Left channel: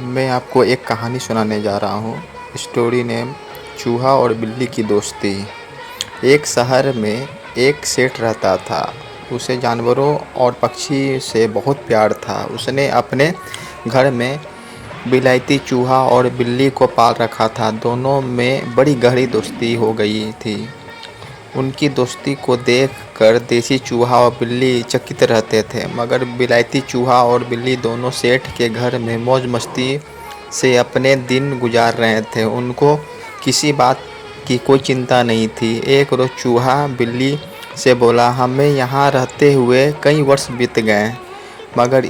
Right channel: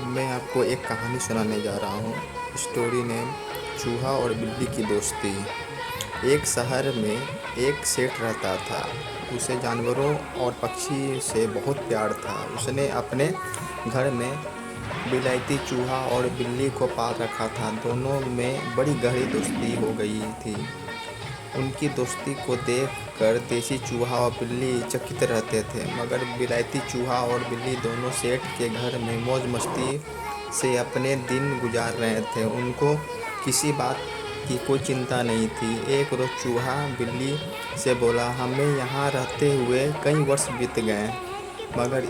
मैं आपको एक कहानी सुनाने जा रहा हूँ। स्टोरी नेम चूहा और बिल्ली की दोस्ती। एक शहर में एक सेठ रहता था। उसे जानवरों और पक्षी से बहुत प्यार था। उसने अपने घर में विलायती चूहा और बिल्ली को पाल रखा था। दोनों में बड़ी गहरी दोस्ती हो गई थी। उनकी दोस्ती को देखकर देसी चूहा और बिल्ली चकित रहते थे, मगर विलायती चूहा और बिल्ली दोनों सेठ के घर में मौज मस्ती से अपने दिन गुजार रहे थे। उनको किसी बात की कोई चिंता नहीं थी। एक रोज़ चूहा बिल्ली से बोला, हमें यहाँ रहते हुए कई वर्ष बीत गए, मगर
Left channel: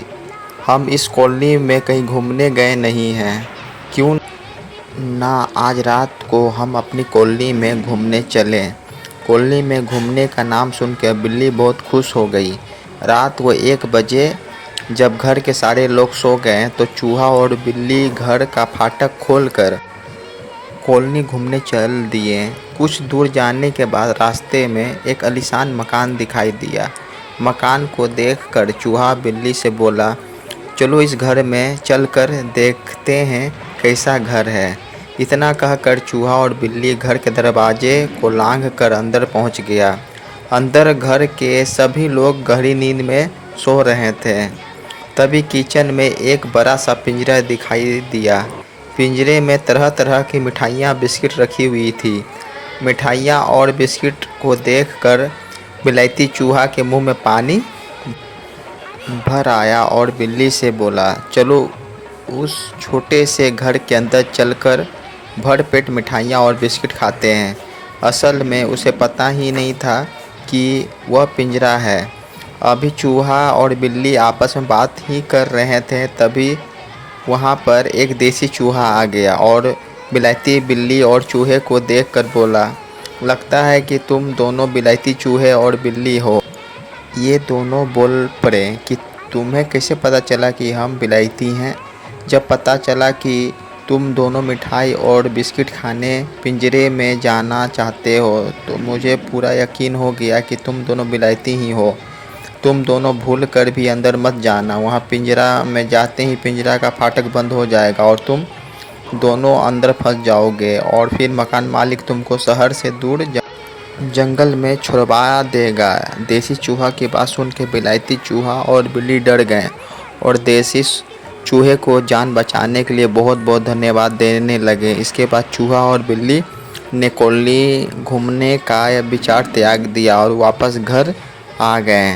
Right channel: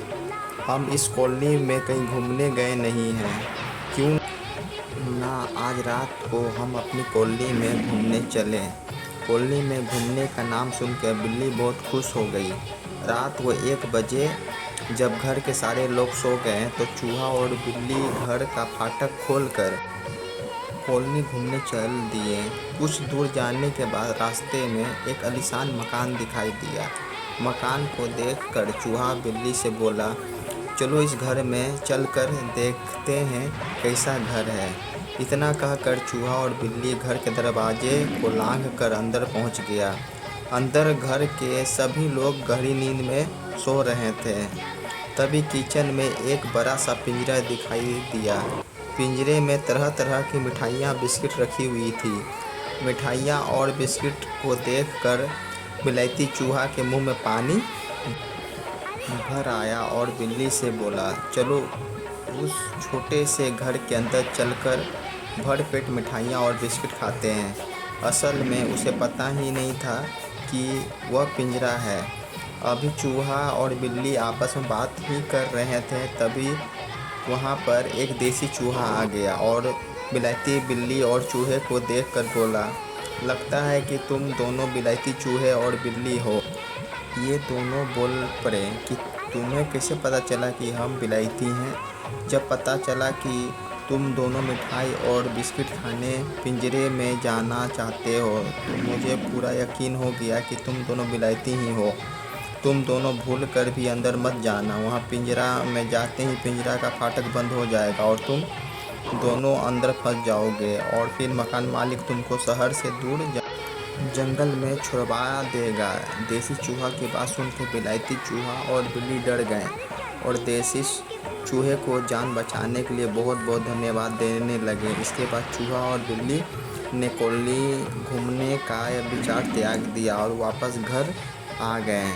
हम इस कॉलोनी में कहीं घूमने गए नहीं हैं। क्यों ना आज रात को हम अपनी कॉलोनी में घूमने चलें। कॉलोनी में घूमने का नाम सुनकर बिल्ली बहुत खुश हो गई। रात को 1 बजे जब घर के सारे लोग सो गए तो चूहा और बिल्ली घर का फाटक खोलकर कॉलोनी घूमने चल दिए। कुछ दूर जाने के बाद रास्ते में एक आलीशान मकान दिखाई दिया। मकान को देखकर चूहा बिल्ली से बोला, चलो इस घर में चलकर देखते हैं कैसा घर है। इतना कहकर चूहा और बिल्ली घर के दरवाजे को लांघकर अंदर पहुंच गया। अंदर घर के सभी लोग गहरी नींद में सो रहे थे। तभी किचन में एक बड़ा सा पिंजरा दिखाई दिया। पिंजरे में तरह तरह की मिठाइयाँ बिस्किट रखी हुई थी। मिठाइयाँ और बिस्किट को देखकर विलायती चूहा के मुंह में पानी भर आया और बिल्ली से बोला, चलो उस छोटे से घर के अंदर चलकर भर पेट मिठाइयाँ और बिस्किट खाते हैं। असल में उसे पता ही नहीं था कि वह पिंजरा है। अभी चूहा और बिल्ली आपस में बात ही कर रहे थे, तभी वहाँ पर एक देसी चूहा आ गया और विलायती बिल्ली और चूहे को देखकर बोला, लगता है कि तुम दोनों विलायती चूहे और बिल्ली हो। ये दोनों बोल पड़े कि तुम्हें कैसे पता चला कि हम विलायती हैं। जब पता चला कि तुम दोनों मिठाई और बिस्किट खाने पिंजरे में जाना चाहते हो तो मुझे पूरा यकीन हो गया कि तुम दोनों विलायती ही हो। तुम दोनों भूल कर भी अंदर मत जाना। वहाँ पिंजरा में जाते ही पिंजरा का फाटक बंद हो जाएगा और तुम दोनों अंदर फंस जाओगे और फिर मकान मालिक तुमको शहर से दूर जंगल में छुड़वा देगा। देसी चूहा की बात सुन के विलायती चूहा और बिल्ली डर गए और देसी चूहे को जान बचाने के लिए बहुत बहुत धन्यवाद देने लगे। इसके बाद चूहा और बिल्ली ने कॉलोनी घूमने का विचार त्याग दिया और वापस घर आ गए।